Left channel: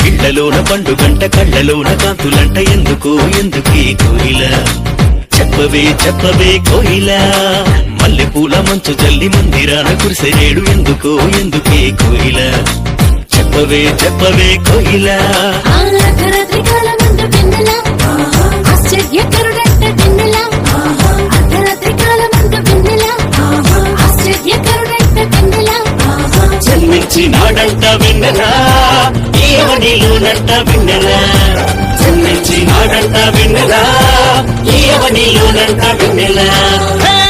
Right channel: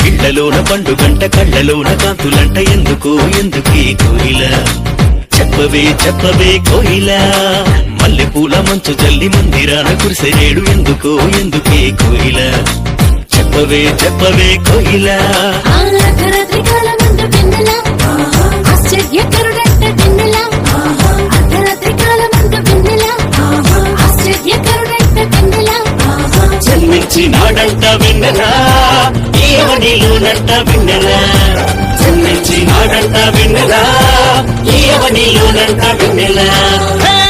కళ్ళలోన పండుగంట కళ్ళలోన కాంతులంట ఎందుకు ఎందుకీ కోయిల చెప్పవే చెప్పవే కోయిల మల్లెపూల మంచు జల్లి మందిరాన కురిసేడు ఎందుకు ఎందుకీ కోయిల చెప్పవే చెప్పవే కోయిల జన్మించినాడంట వెన్నెలా ఈవనిలోనంట వెన్నెలా జన్మించినాడంట వెన్నెలా ఈవనిలోనంట వెన్నెలా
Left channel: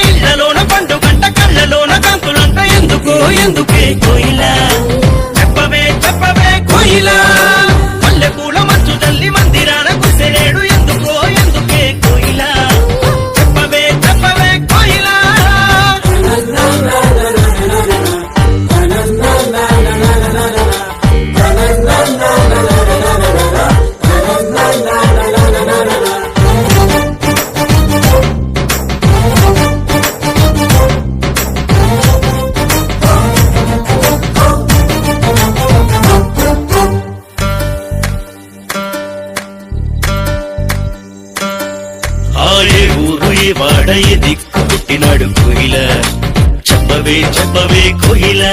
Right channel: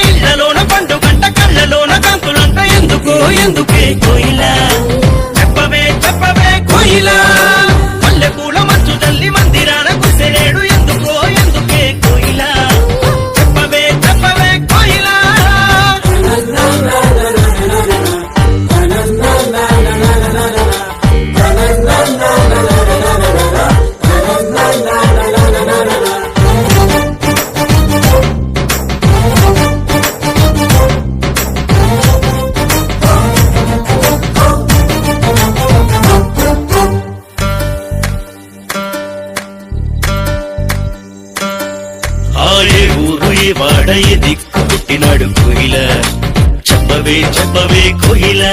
ఇళ్ళలోన పండుగంట కళ్ళలోన కాంతులంట ఎందుకు ఎందుకే కోయిల చెప్పవే చెప్పవే కోయిల మల్లెపూల మంచు తల్లి మందిరాన కురిసేడు ఎందుకో ఎందుకే కోయిల చెప్పవే చెప్పవే కోయిల వాడ ఏ దిక్కు పుట్టినాడు కోయిల చెప్పవే చెప్పవే కోయిల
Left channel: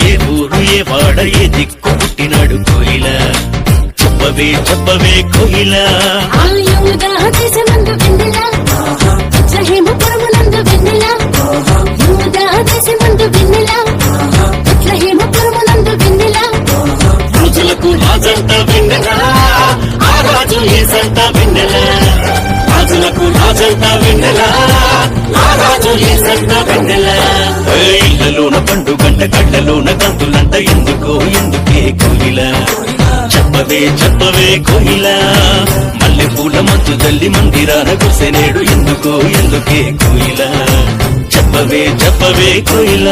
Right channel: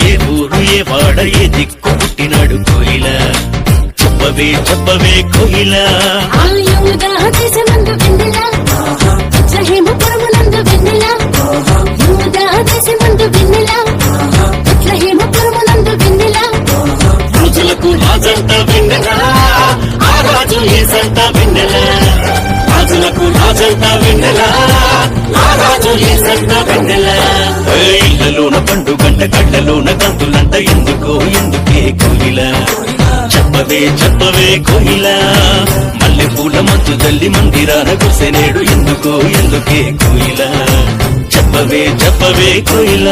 ఏ ఊరు ఏ వాడ ఏ దిక్కు పుట్టినాడు కోయిల చెప్పవే చెప్పవే కోయిల రోజులకు రాజంట వెన్నెల ఆ రాజు ఏసంట వెన్నెల రాజులకు రాజంట వెన్నెల ఆ రాజు ఏసంట వెన్నెల ఇళ్ళలోన పండుగంట కళ్ళలోన కాంతులంట ఎందుకో ఎందుకే కోయిల చెప్పవే చెప్పవే కోయిల మల్లెపూల మంచు జల్లి మందిరాన కురిసేడు ఎందుకో ఎందుకే కోయిల చెప్పవే చెప్పవే కోయిల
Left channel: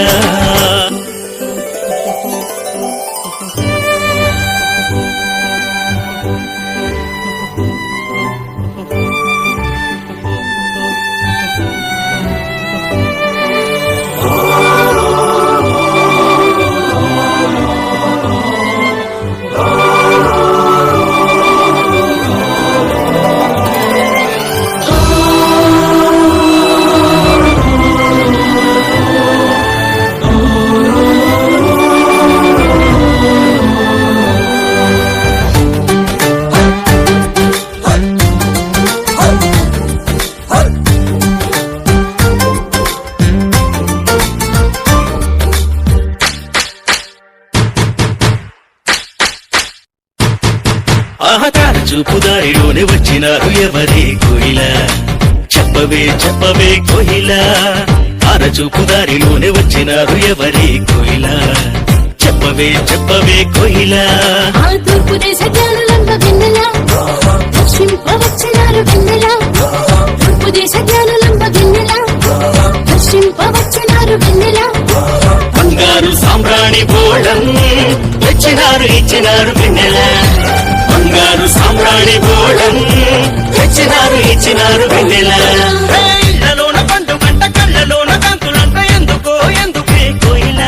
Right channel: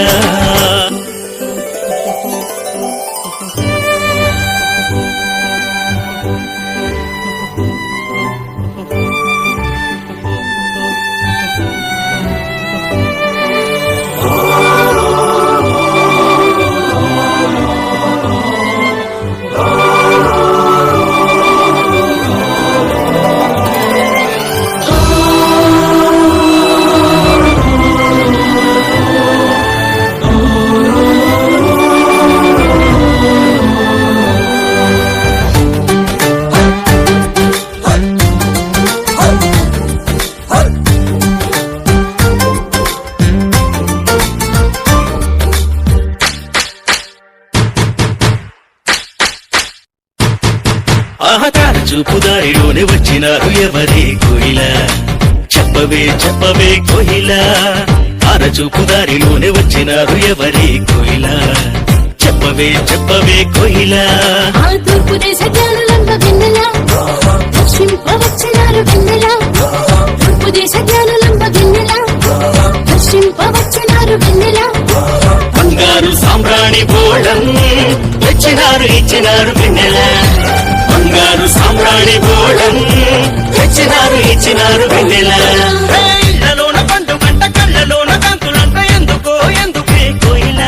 ఆహతార చూపుదారిలోనే వచ్చినారు ఎవరే కోయిల చెప్పవే చెప్పవే కోయిల ఆర చూపుదారిలోనే వచ్చినారు ఎవరే కోయిల చెప్పవే చెప్పవే కోయిల తూర్పు దేశ జ్ఞానులంబ వెన్నెల దర్శింపవచ్చినారు వెన్నెల తూర్పు దేశ జ్ఞానులంబ వెన్నెల దర్శింపవచ్చినారు వెన్నెల బంగారు సాంబ్రాణి బోళం ఇచ్చినారు వెన్నెల బంగారు సాంబ్రాణి బోళం ఇచ్చినారు వెన్నెల ఇళ్ళలోన పండుగంట కళ్ళలోన కాంతులంట ఎందుకో ఎందుకే కోయిల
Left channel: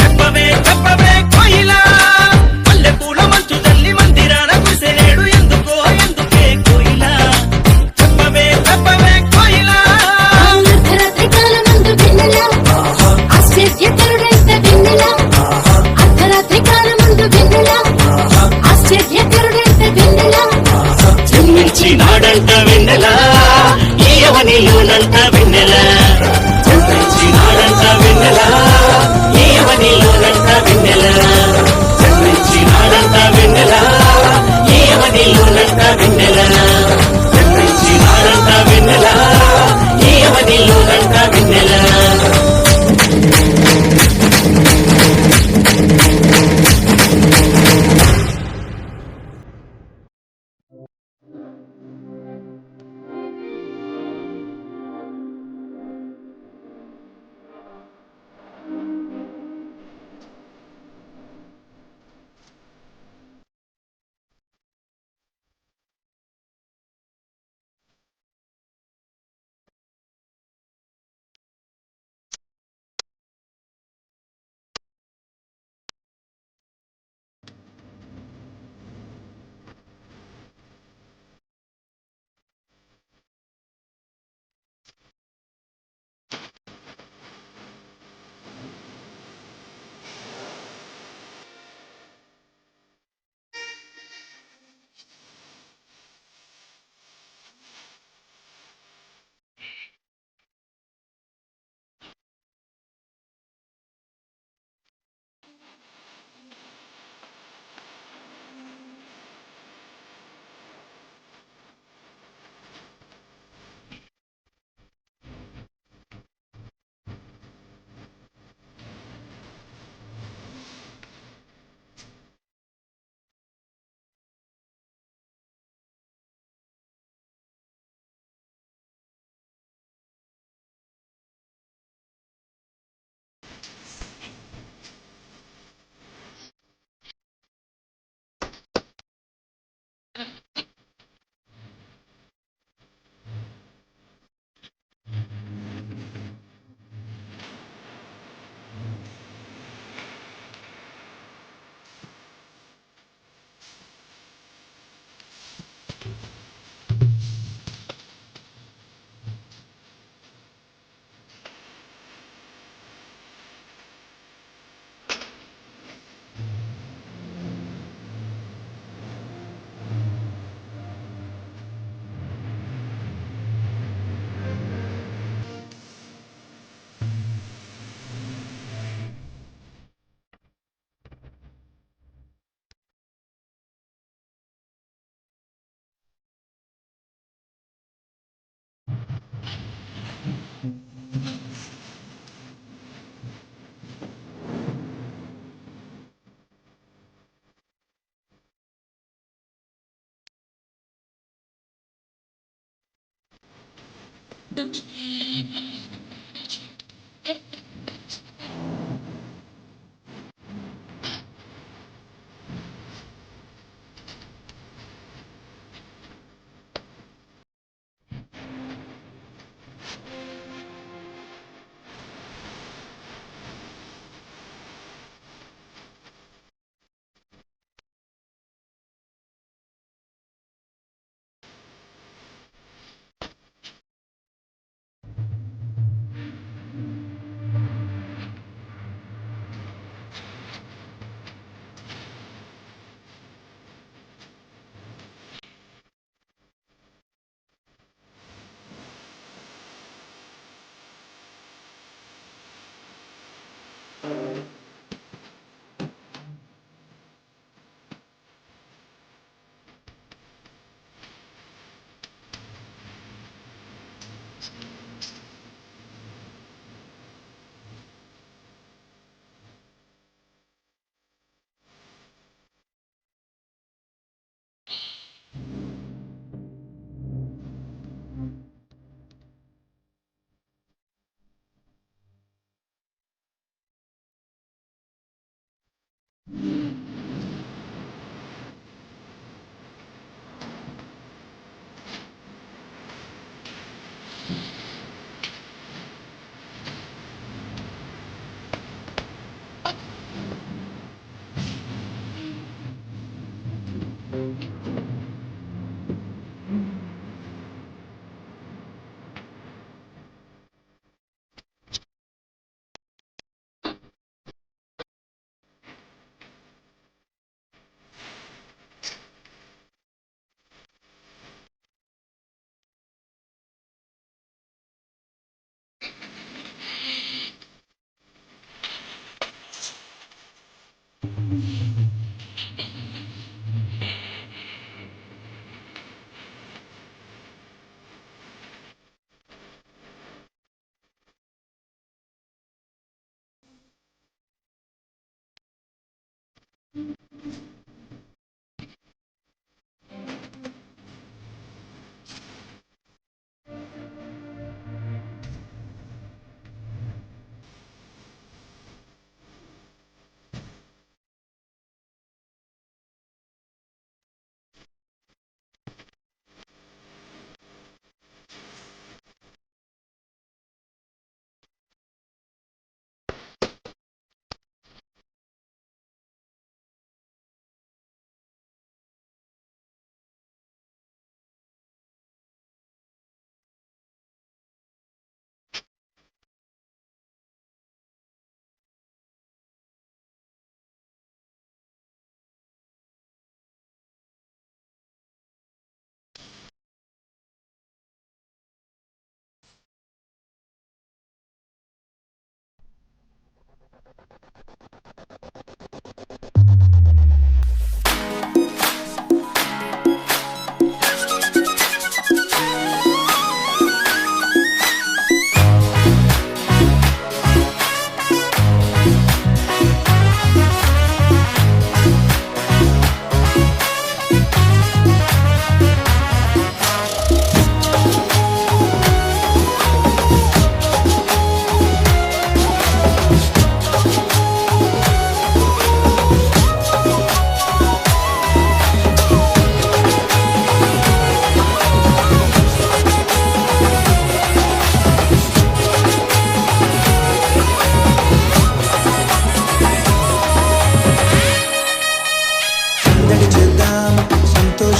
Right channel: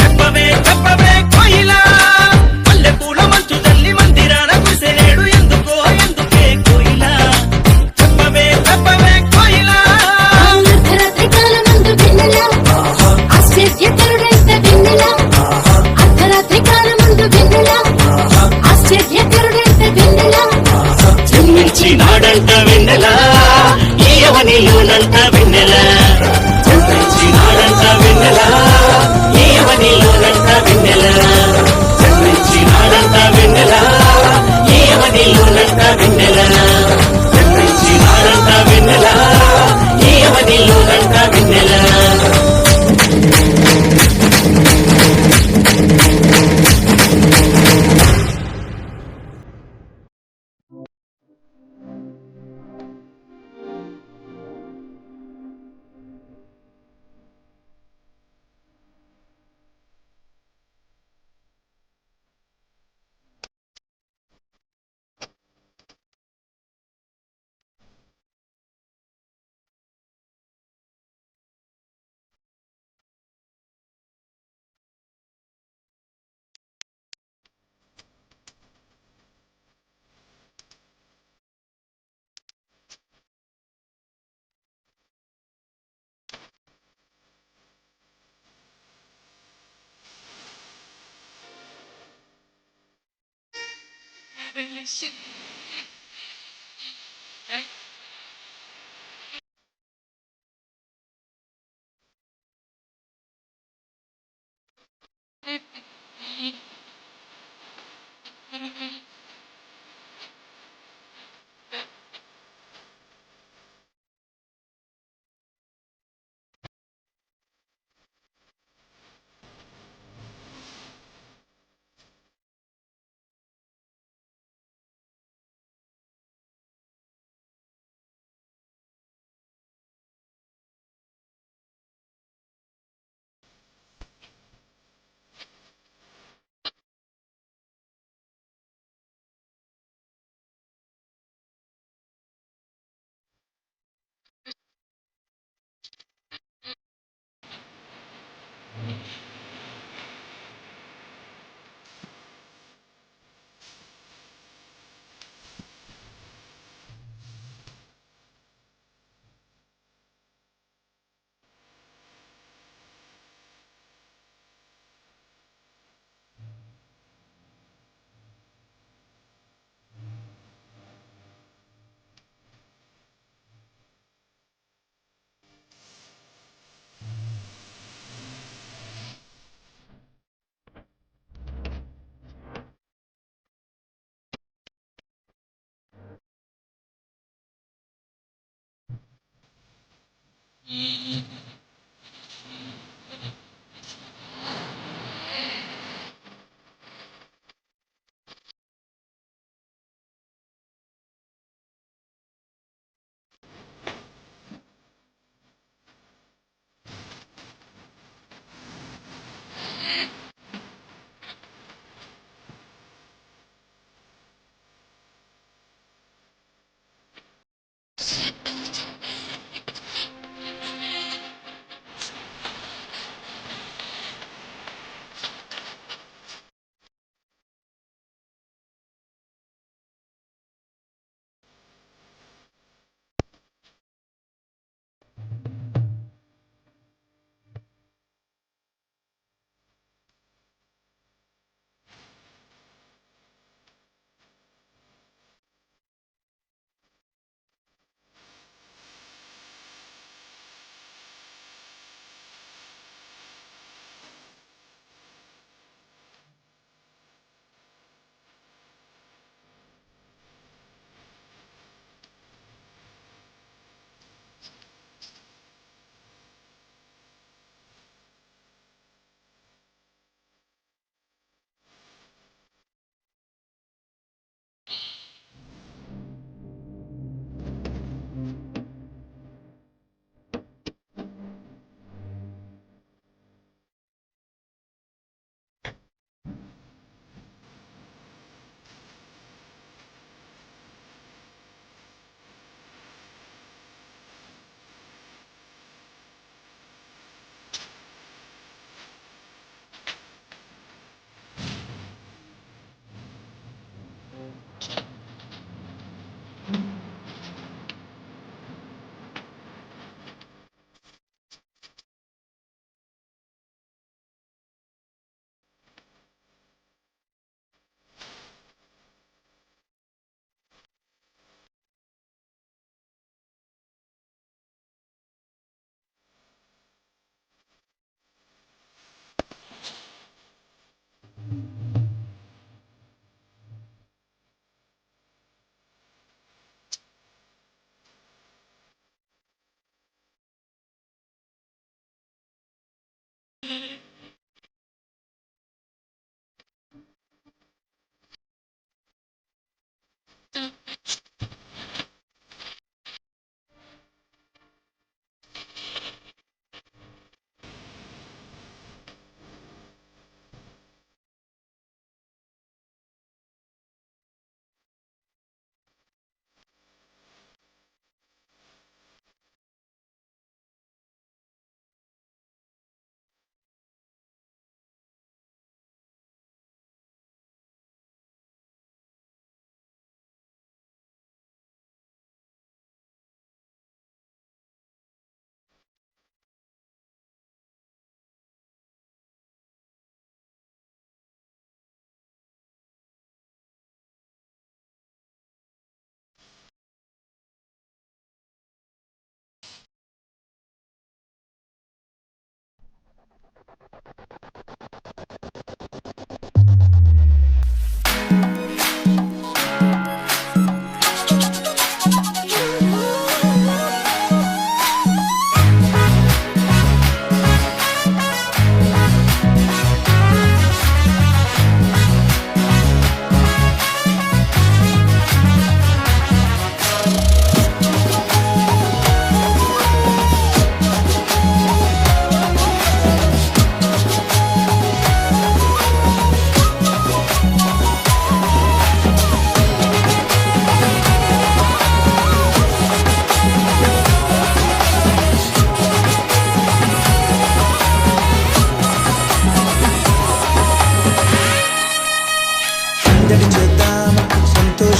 చెప్పవే చెప్పవే కోయిల మల్లెపూల మంచు తల్లి మందిరాన కురిసేడు ఎందుకో ఎందుకే కోయిల చెప్పవే చెప్పవే కోయిల అర్ధరాత్రి కాలమందు వెన్నెల ఆశ్చర్యకరుడైన వెన్నెల అర్ధరాత్రి కాలమందు వెన్నెల ఆశ్చర్యకరుడైన వెన్నెల జన్మించినాడంట వెన్నెల ఈయవనిలోనంట వెన్నెల జన్మించినాడంట వెన్నెల ఈయవనిలోనంట వెన్నెల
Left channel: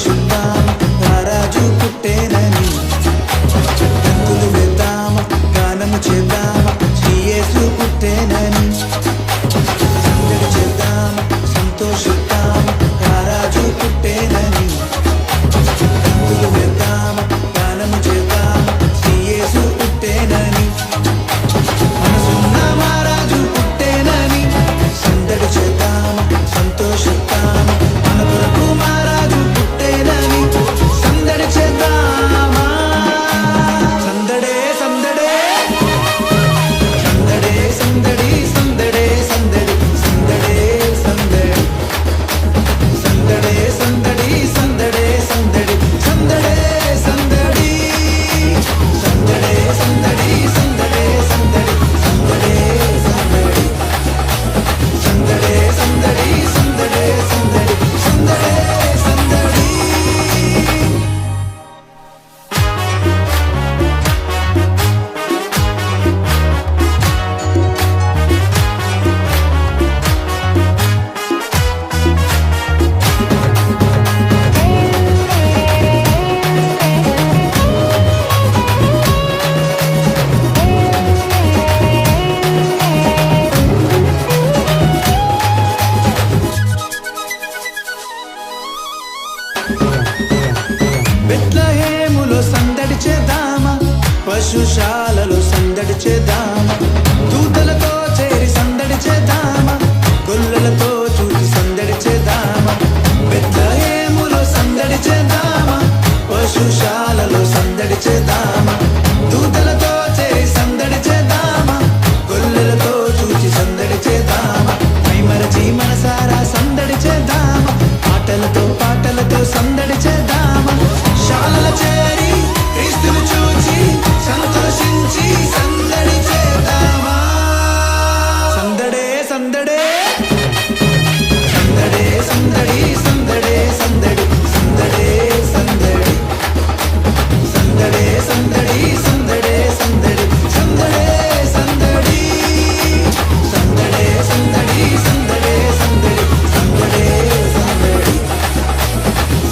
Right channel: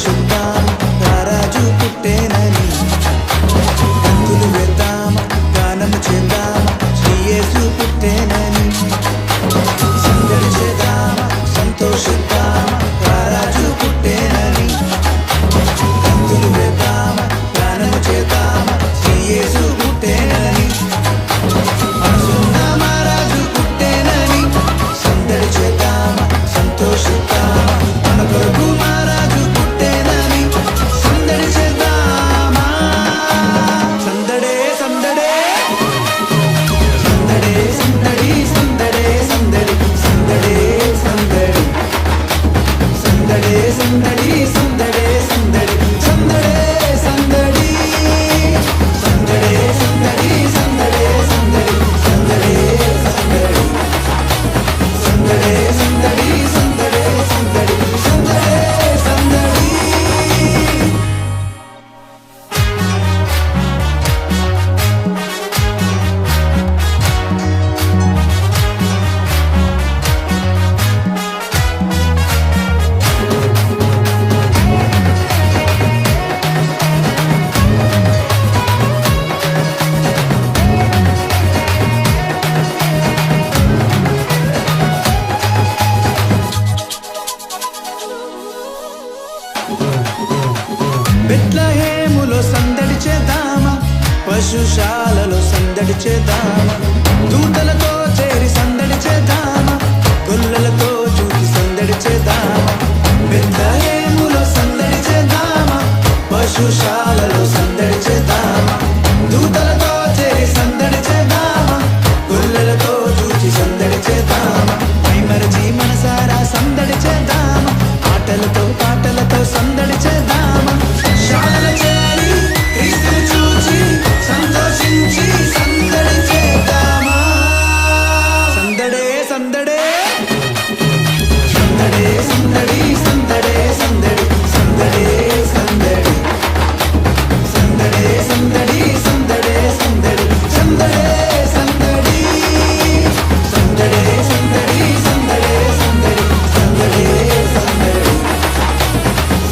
సంతోషిద్దాం రారాజు పుట్టేనని గంతులు వేద్దామ గానము చేద్దామ శ్రీ యేసు పుట్టేనని సందడి చేద్దామ సంతోషిద్దామ రారాజు పుట్టేనని గంతులు వేద్దామ గానము చేద్దామ శ్రీ యేసు పుట్టేనని మనసున్న మహారాజు పుట్టేనని సందడి చేద్దామ సంతోషిద్దామ మన కొరకు మహారాజు పుట్టేనని సందడి చేద్దామా సందడే సందడే సందడే సందడి సందడే సందడి సందడే సందడి సందడే సందడి సందడే సందడి సందడే సందడి సందడే సందడి సందడే సందడి సందడే సందడి సందడే సందడి సందడే సందడి సందడే సందడి బెత్లహేములో సందడి చేద్దామా పశుశాలలో సందడి చేద్దామా దూతలతో చేరి సందడి చేద్దామా గొల్లలతో చూచి సందడి చేద్దామా బెత్లహేములో సందడి చేద్దామా పశుశాలలో సందడి చేద్దామా దూతలతో చేరి సందడి చేద్దామా గొల్లలతో చూచి సందడి చేద్దామా మైమరచి మనసారా సందడి చేద్దామా ఆటలతో పాటలతో సందడి చేద్దామా శాలల చేరి క్రీస్తును చూచి సంతోషించి సందడి చేద్దామా సందడే సందడే సందడే సందడి సందడే సందడి సందడే సందడి సందడే సందడి సందడే సందడి సందడే సందడి సందడే సందడి సందడే సందడి సందడే సందడి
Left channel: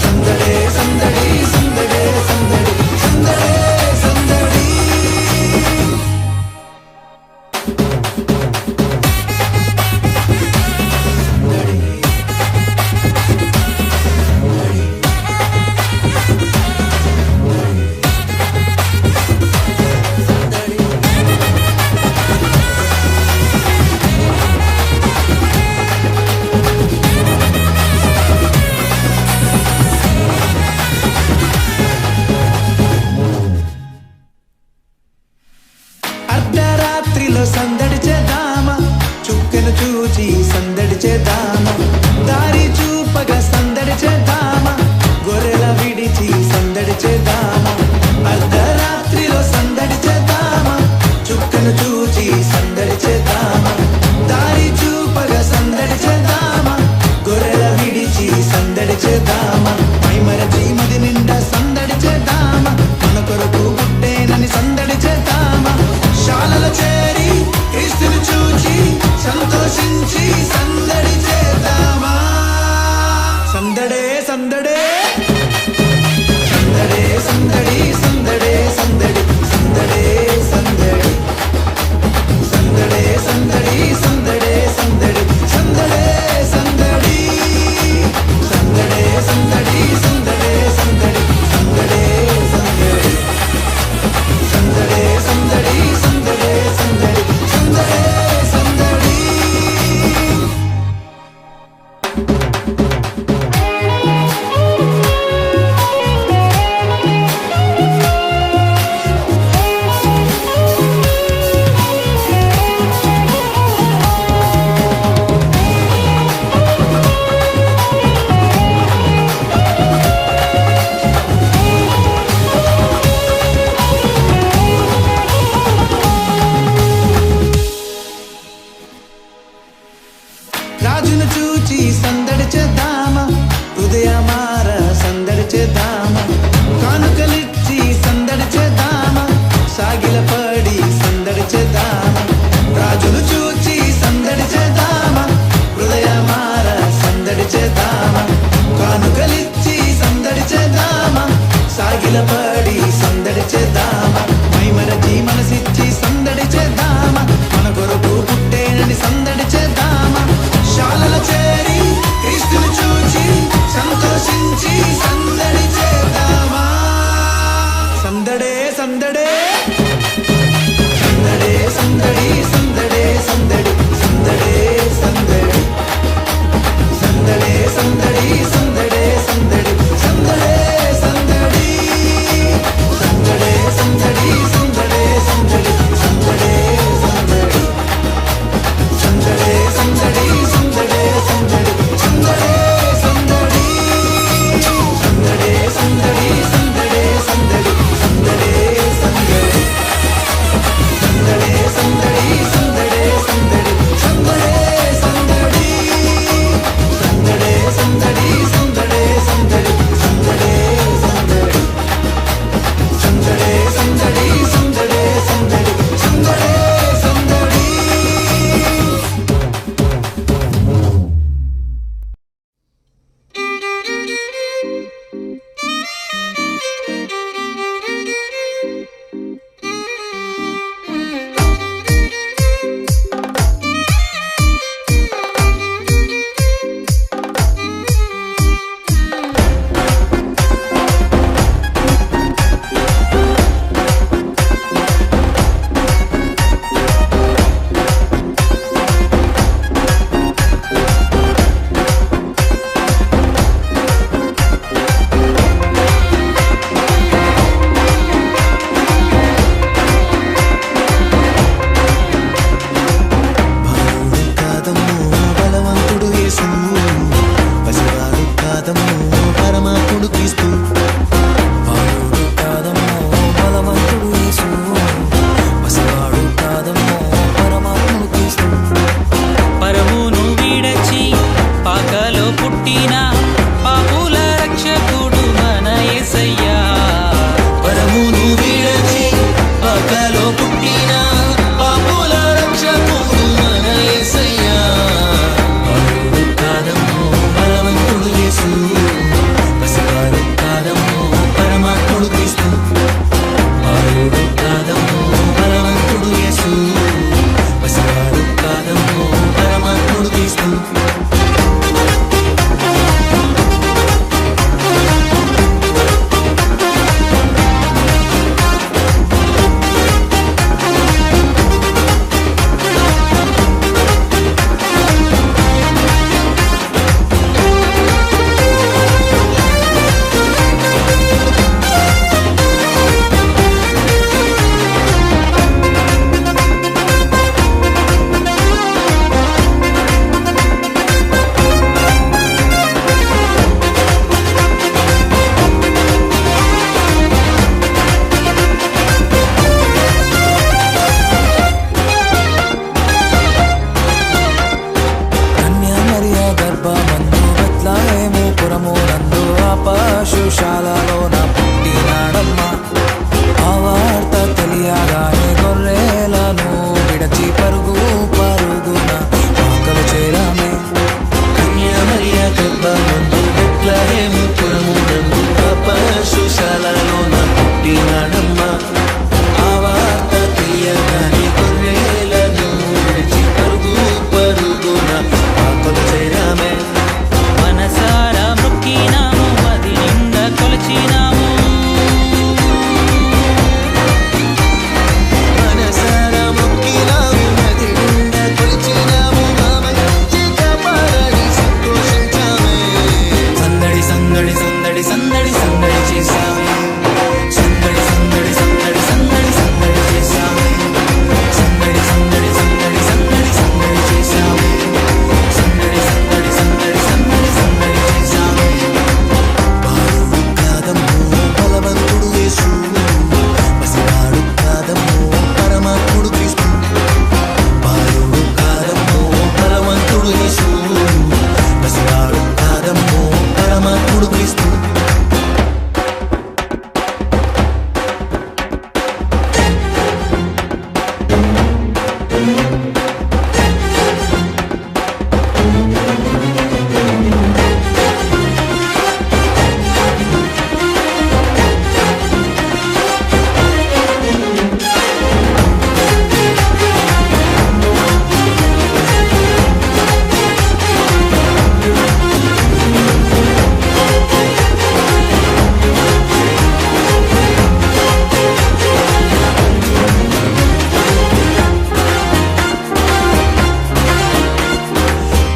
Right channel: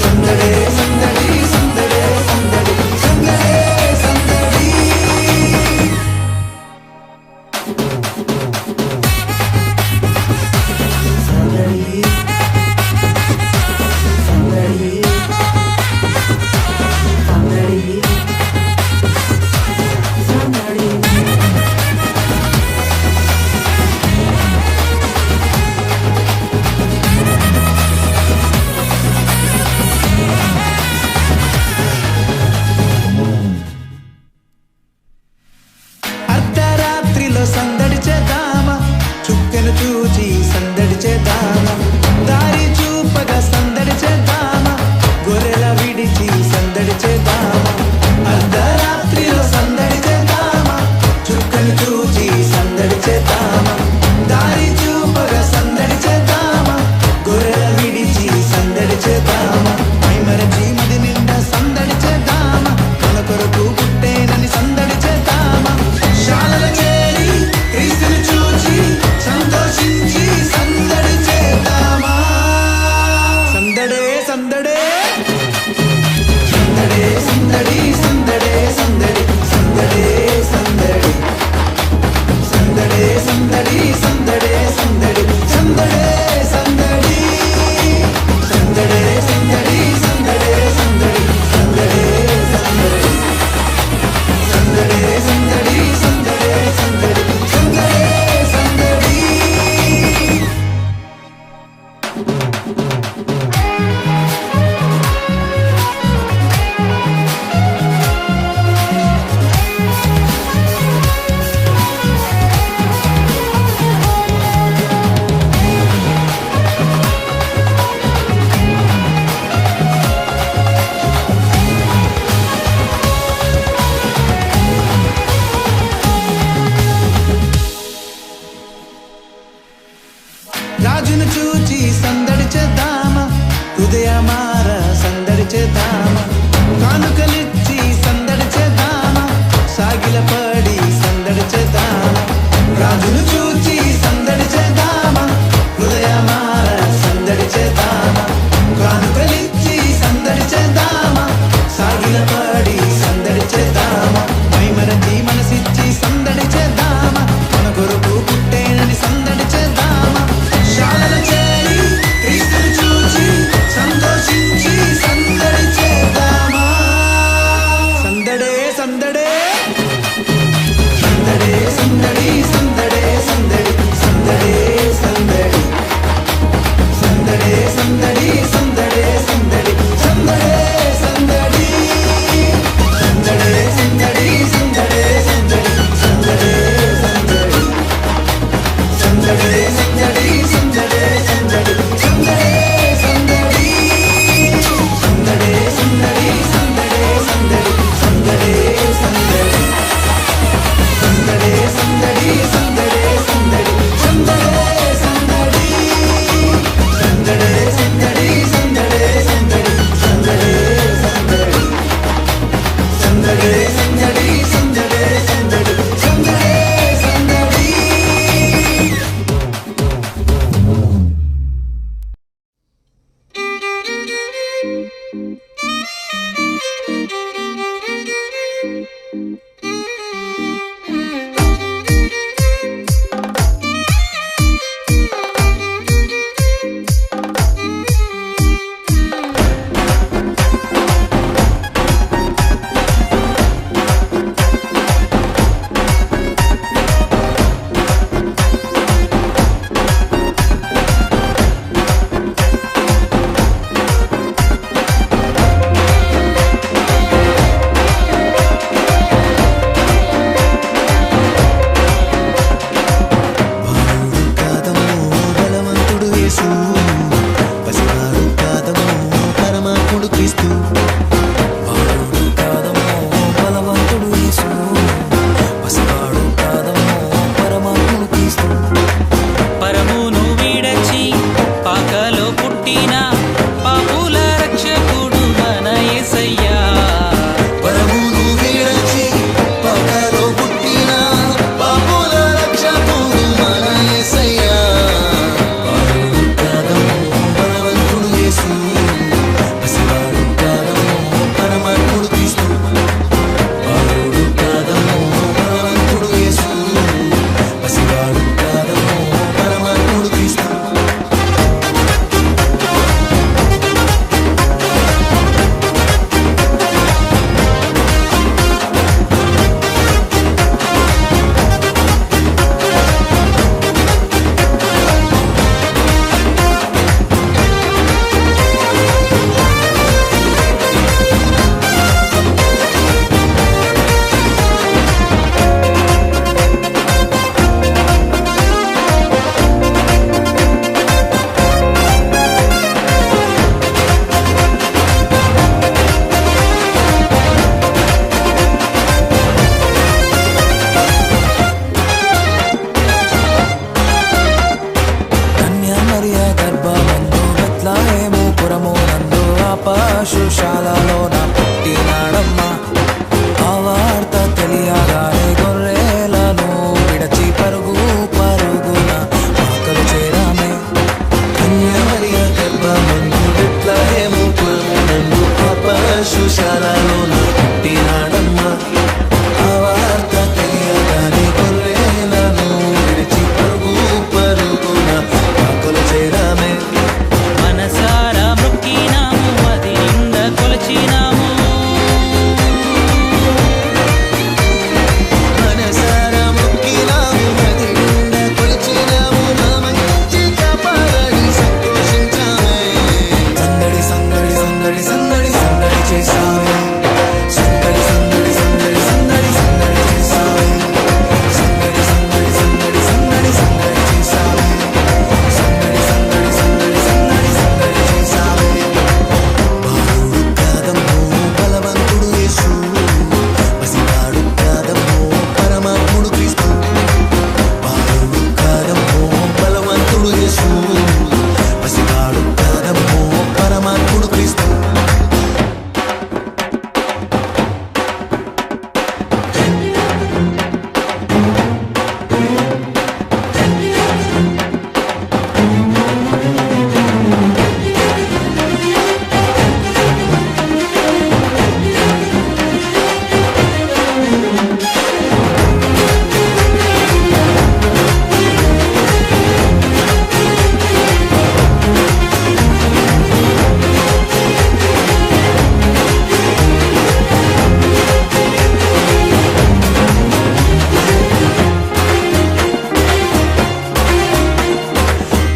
సందడే సందడి సందడే సందడి సందడే సందడి అర్ధరాత్రిలో సందడి చేద్దామా చుక్కను చూచి సందడి చేద్దామా దారి చూపగా సందడి చేద్దామా గొర్రెల విడిచి సందడి చేద్దామా అర్ధరాత్రిలో సందడి చేద్దామా చుక్కను చూచి సందడి చేద్దామా దారి చూపగా సందడి చేద్దామా గొర్రెల విడిచి సందడి చేద్దామా మైమరచి మది నిండా సందడి చేద్దామా మన కొరకు పుట్టేనని సందడి చేద్దామా శాలల చేరి క్రీస్తును చూచి సంతోషించి సందడి చేద్దామా సందడే సందడే సందడే సందడి సందడే సందడి సందడే సందడి సందడే సందడి సందడే సందడి సందడే సందడి సందడే సందడి సందడే సందడి సందడే సందడి సందడే సందడి సందడే సందడి సందడే సందడి రాజును చూచి సందడి చేద్దామా హృదయమార సందడి చేద్దామా కానుకలిచ్చి సందడి చేద్దామా సాగిల పడి సందడి చేద్దామా రాజును చూచి సందడి చేద్దామా హృదయమార సందడి చేద్దామా కానుకలిచ్చి సందడి పసివాడు కాదమ్మో పరమాత్ముడు క్రీస్తు. బాలుడు కాదమ్మో బలవంతుడు యేసు, పసివాడు కాదమ్మో పరమాత్ముడు క్రీస్తు. పరమును వీడచి పాకలో పుట్టిన పాపుల రక్షకుడు మన యేసయ్యా. పరమును వీడచి పాకలో పుట్టిన పాపుల రక్షకుడు మన యేసయ్యా. బాలుడు కాదమ్మో బలవంతుడు యేసు, పసివాడు కాదమ్మో పరమాత్ముడు క్రీస్తు. బాలుడు కాదమ్మో బలవంతుడు యేసు, పసివాడు కాదమ్మో పరమాత్ముడు క్రీస్తు. మరియా గర్భమందు బెత్లెహేము పురము నందు ఆ పశుశాలలోన పుట్టినాడమ్మా. ఆ వార్త తెలియగానే గొర్రెలను విడచి పరుగు పరుగున పాకలు చేరామే. మరియా గర్భమందు బెత్లెహేము పురము నందు ఆ పశుశాలలోన పుట్టినాడమ్మా. ఆ వార్త తెలియగానే గొర్రెలను విడిచి పరుగు పరుగున పాకలు చేరామే. మనసారా మొక్కినాము, మది నిండా కొలచినాము. మనసారా మొక్కినాము, మది నిండా కొలిచినాము. మా మంచి కాపాడని సంతోషించామే. సందడి సందడి సందడి సందడి సందడి చేశామే. సందడి సందడి సందడి సందడి సందడి చేశామే. సందడి సందడి సందడి సందడి సందడి చేశామే. సందడి సందడి సందడి సందడి సందడి చేశామే. బాలుడు కాదమ్మో బలవంతుడు యేసు, పసివాడు కాదమ్మో పరమాత్ముడు క్రీస్తు. బాలుడు కాదమ్మో బలవంతుడు యేసు, పసివాడు కాదమ్మో పరమాత్ముడు క్రీస్తు.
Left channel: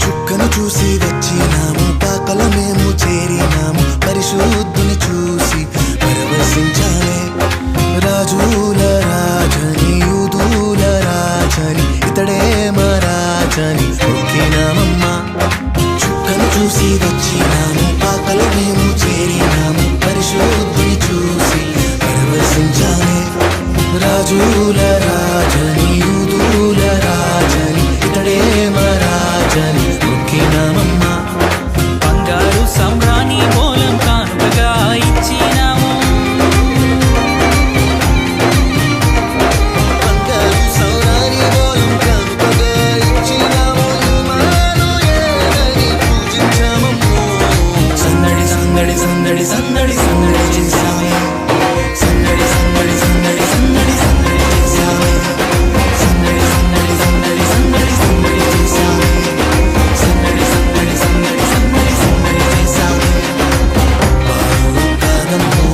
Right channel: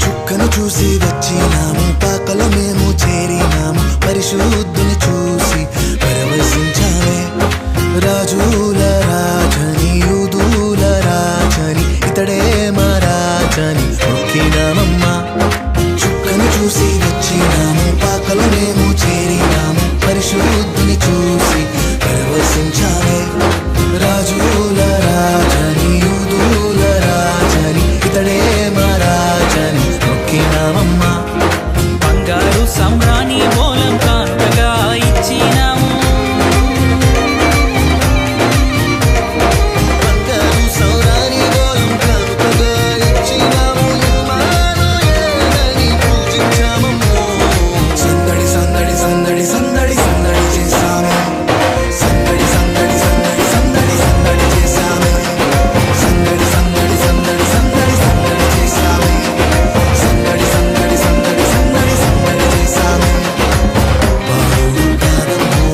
చుక్కను చూసి వచ్చినాము, పాకలో మేము చేరినాము. పరిశుద్ధుని చూసి పరవశించామే. రాజుల రాజని యూదుల రాజని ఇతడే మా రాజని మొక్కినామమ్మా. చుక్కను చూసి వచ్చినాము, పాకలో మేము చేరినాము. పరిశుద్ధుని చూసి పరవశించామే. రాజుల రాజని యూదుల రాజని ఇతడే మా రాజని మొక్కినామమ్మా. బంగారు సంబ్రాణి మూలం కానుకగా ఇచ్చినాము. బంగారు సౌరాని మూలం కానుకగా ఇచ్చినాము. ఇమ్మానుయేలని పూజించామమ్మో. సందడి సందడి సందడి సందడి సందడి చేశామే. సందడి సందడి సందడి సందడి సందడి చేశామే. సందడి సందడి సందడి సందడి సందడి చేశామే. సందడి సందడి సందడి సందడి సందడి చేశామే. బాలుడు కాదమ్మో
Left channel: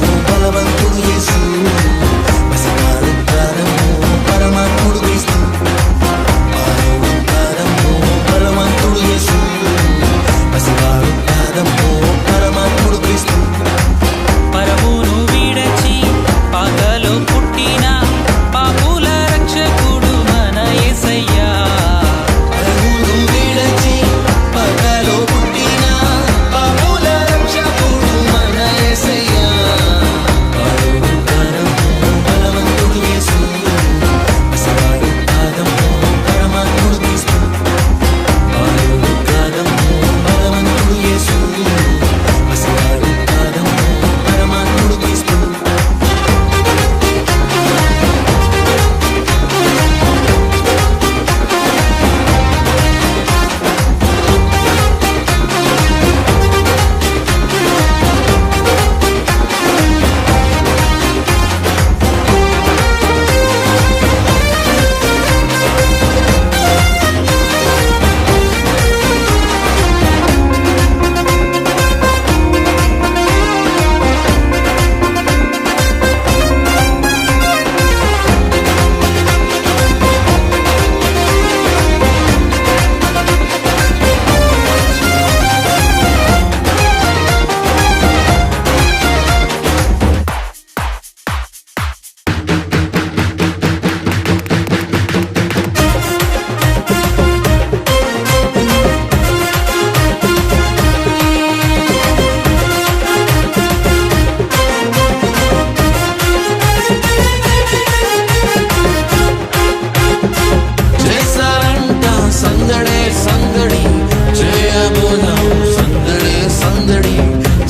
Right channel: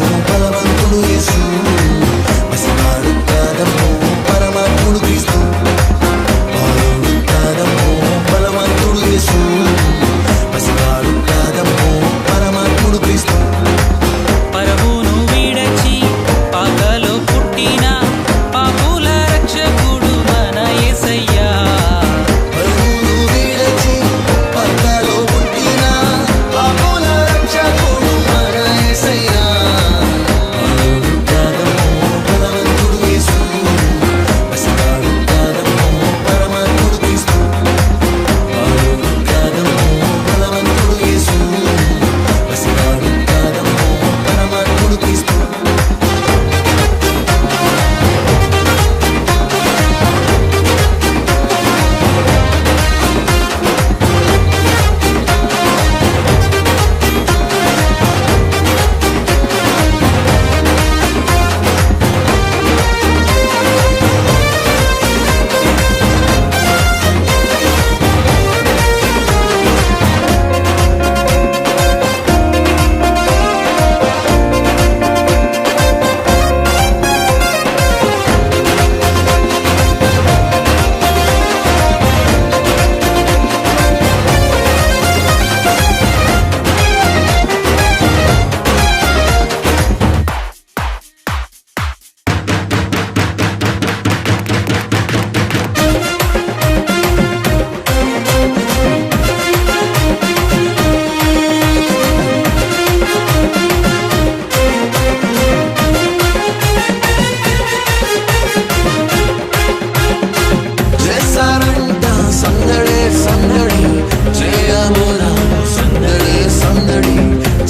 చేయబోదాము సందడే సందడి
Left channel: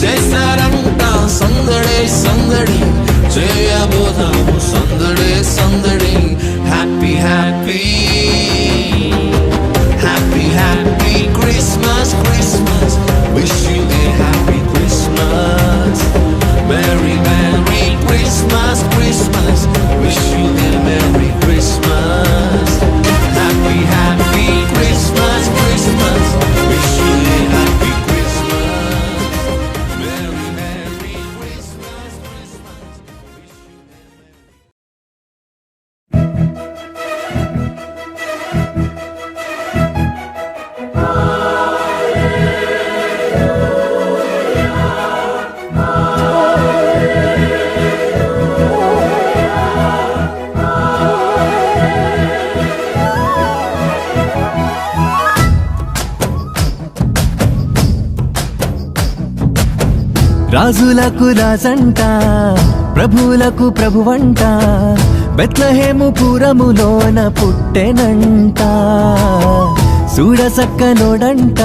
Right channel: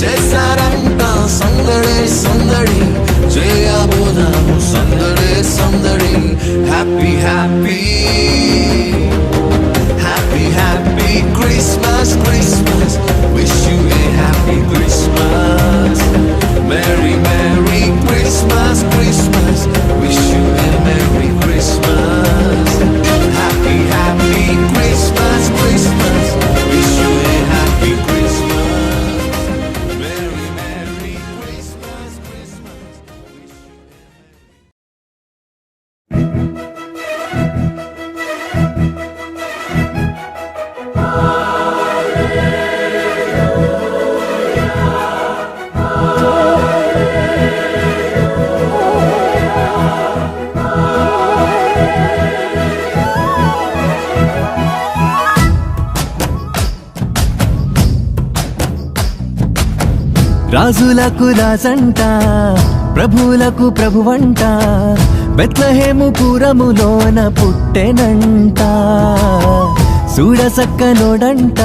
చేశారంట సందడే సందడి చేయబోదాము సందడే సందడి happy happy happy happy Christmas Christmas wish you a happy Christmas merry merry Christmas Christmas wish you a merry Christmas happy happy Christmas Christmas wish you a happy Christmas merry merry Christmas Christmas wish you a రాజులకు రాజంట ప్రభువులకు ప్రభువంట బెత్లెహేము పురములోన పుట్టెనంట చూడసక్కనోడంట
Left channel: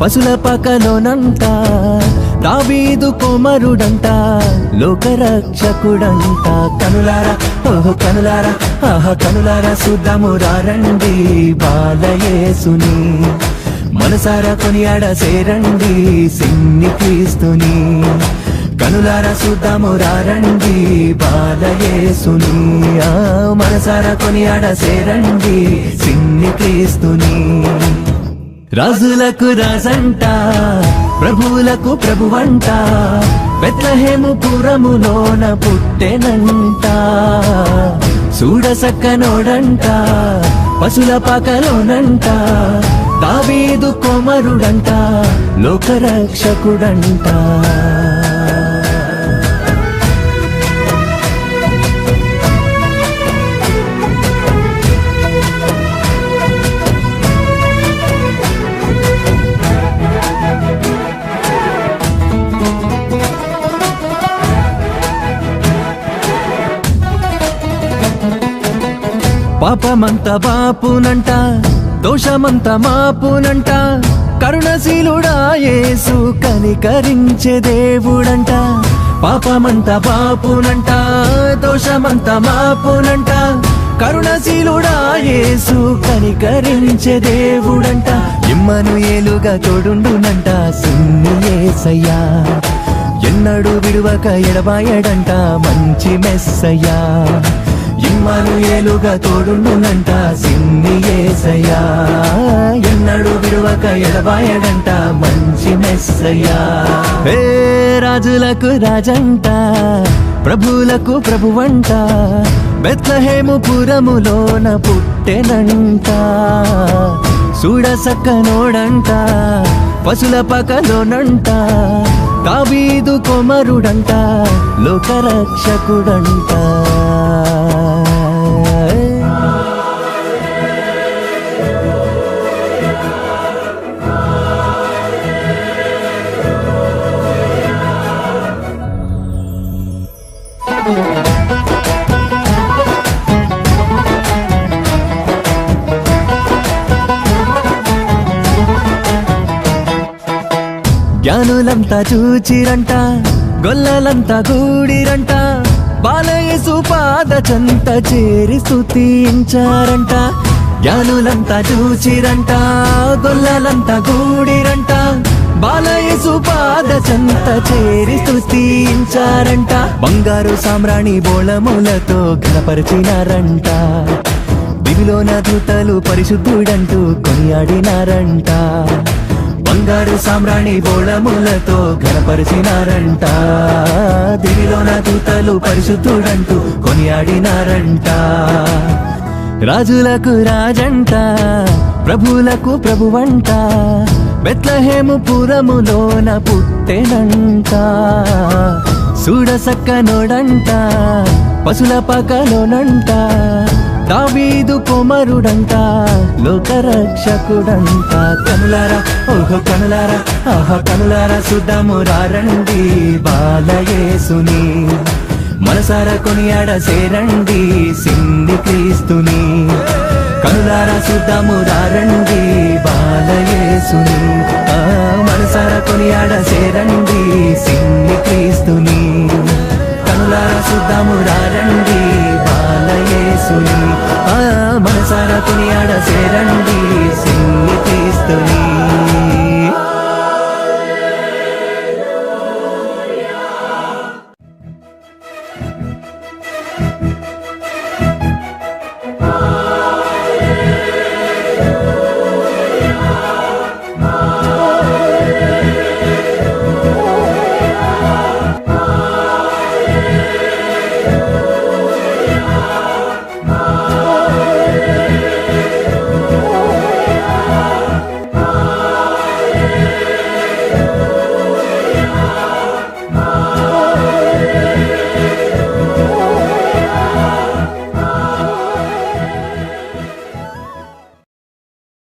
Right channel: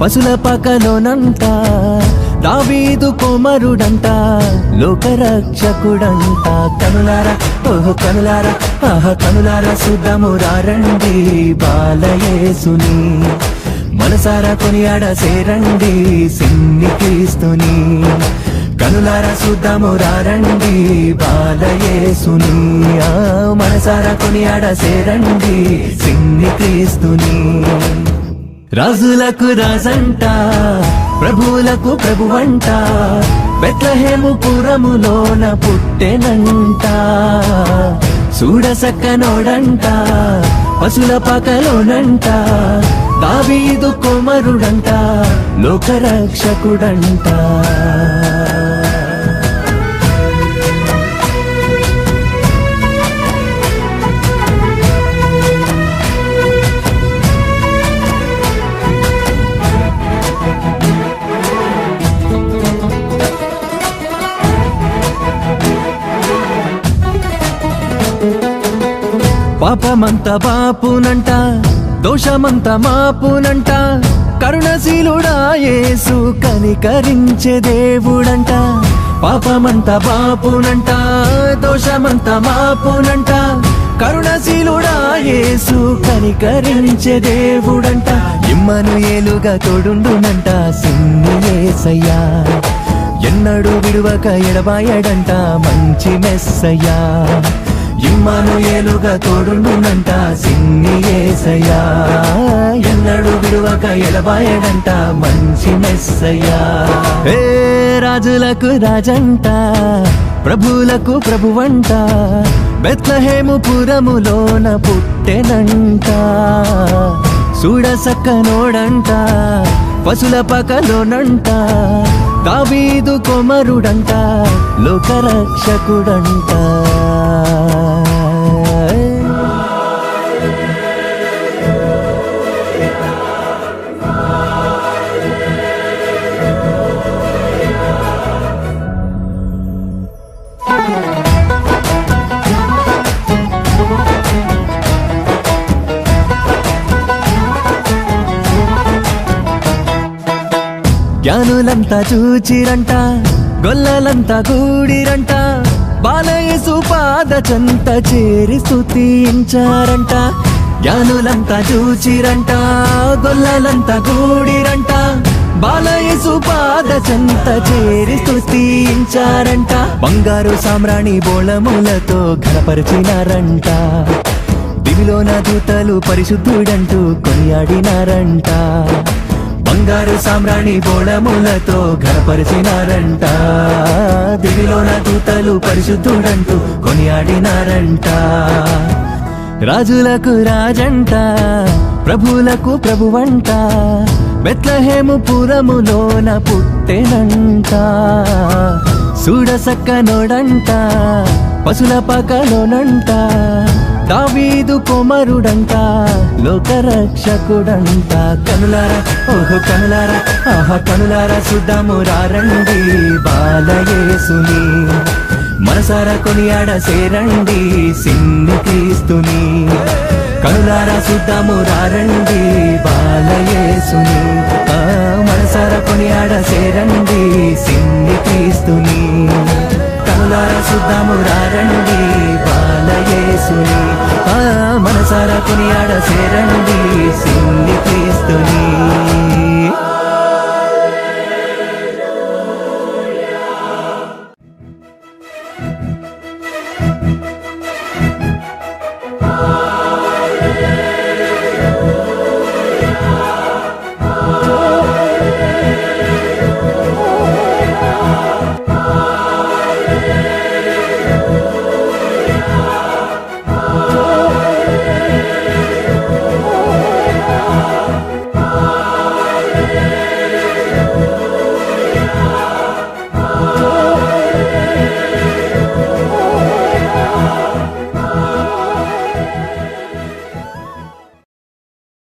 పశుల పకలోనంట దావీదు కుమారుడంట లోకరక్షకుడంట కనులారా ఓహో కనులారా ఆహ కనులారా చూద్దాము రండి బాలయేసుని మనసారా కొనియాడ సేరండి సిన్ని క్రీస్తుని కనులారా చూద్దాము రండి బాలయేసుని మనసారా కొనియాడ సేరండి సిన్ని క్రీస్తుని రాజులకు రాజంట ప్రభువులకు ప్రభువంట బెత్లెహేము పురములోన పుట్టెనంట చూడసక్కనోడంట పశుల పకలోనంట దావీదు కుమారుడంట లోకరక్షకుడంట పాపమంత బాపునంట దోషమంత మాపునంట కరుణశీలుడా యేసు కనికరించే దేవుడంట పాపమంత బాపునంట దోషమంత మాపునంట కరుణశీలుడా యేసు కనికరించే దేవుడంట ఇమ్మనుయేలుగా తోడుండునంట సిన్ని యేసయ్యా ఎన్నడూ విడువక ఎడబాయడంట మంచి మెస్సయ్యా ఇమ్మనుయేలుగా తోడుండునంట సిన్ని యేసయ్యా ఎన్నడూ విడువక ఎడబాయడంట మంచి మెస్సయ్యా ఏ రాజులకు రాజంట ప్రభువులకు ప్రభువంట బెత్లెహేము పురములోన పుట్టెనంట చూడసక్కనోడంట పశుల పకలోనంట దావీదు కుమారుడంట లోకరక్షకుడంట జ్ఞానులంతా చూచిరంట గొల్లలంతా గూడిరంట బాలయేసు పాద చెంత చేరి స్తుతించారంట జ్ఞానులంతా చూచిరంట గొల్లలంతా గూడిరంట బాలయేసు పాద చెంత చేరి స్తుతించారంట బంగారు సామ్రాణి బోళములతో ఘనపరిచినారంట దివిలోన దూతలు పరిశుద్ధుడంటూ కొనియాడినారంట బంగారు సామ్రాణి బోళములతో ఘనపరిచినారంట దివిలోన దూతలు పరిశుద్ధుడంటూ కొనియాడినారంట రాజులకు రాజంట ప్రభువులకు ప్రభువంట బెత్లెహేము పురములోన పుట్టెనంట చూడసక్కనోడంట పశుల పకలోనంట దావీదు కుమారుడంట లోకరక్షకుడంట కనులారా ఓహో కనులారా ఆహా కనులారా చూద్దాము రండి బాలయేసుని మనసారా కొనియాడ సేరండి సిన్ని క్రీస్తుని కనులారా చూద్దాము రండి బాలయేసుని మనసారా కొనియాడ చేరండి సిన్ని క్రీస్తుని కనులారా చూద్దాము రండి బాలయేసుని మనసారా కొనియాడ చేరండి సిన్ని క్రీస్తుని